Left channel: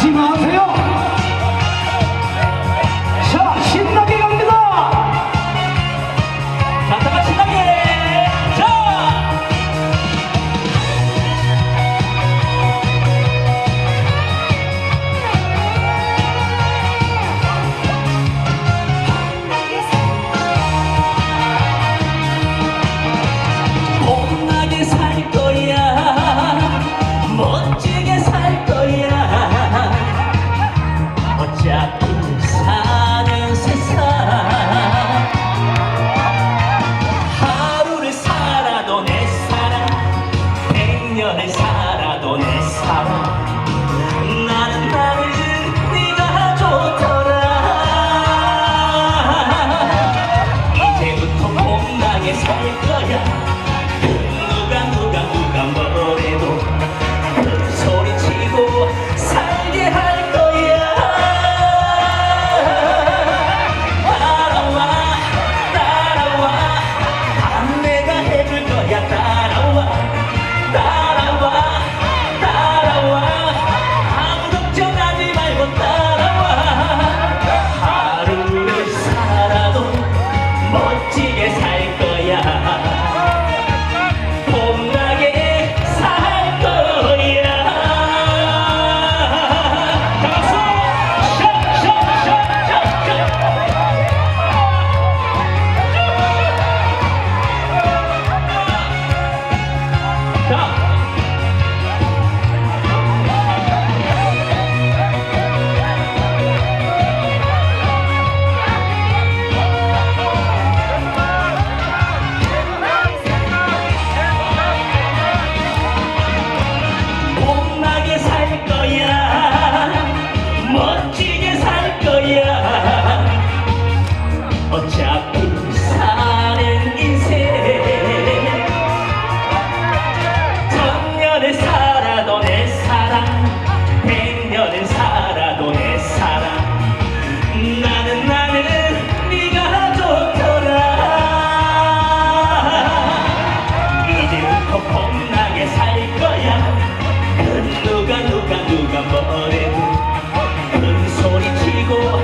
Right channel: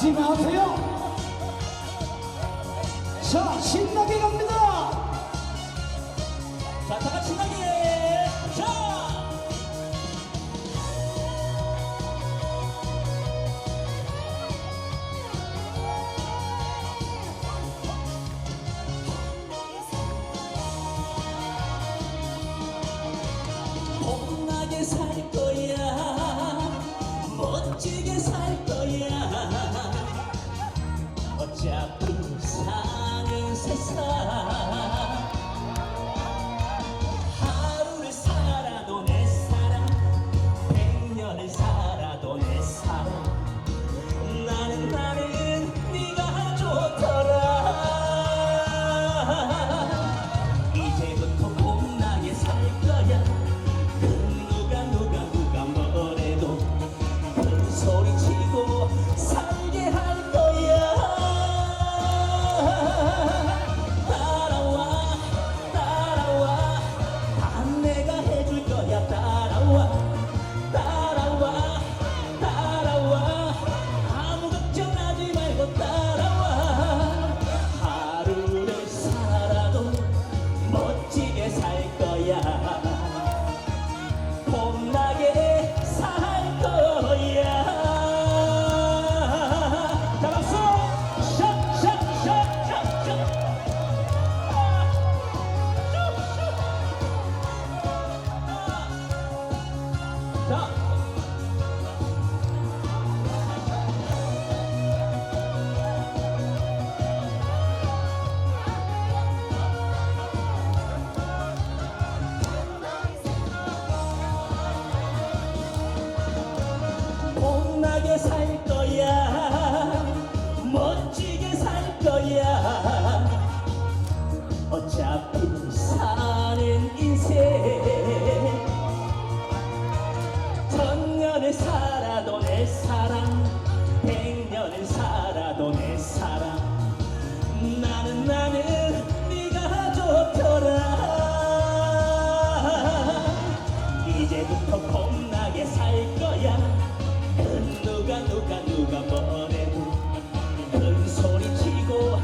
하지 마세요. 너네 사랑. 살 거야. 어차피 사는 인생. 천년을 살아도 내 사랑. 백년을 살아도 내 사랑. 나는 나는 네가 좋더라 이제부터 겁나게 살 거야. 누가 누가 누가 뭐래도. 큰 소리 치고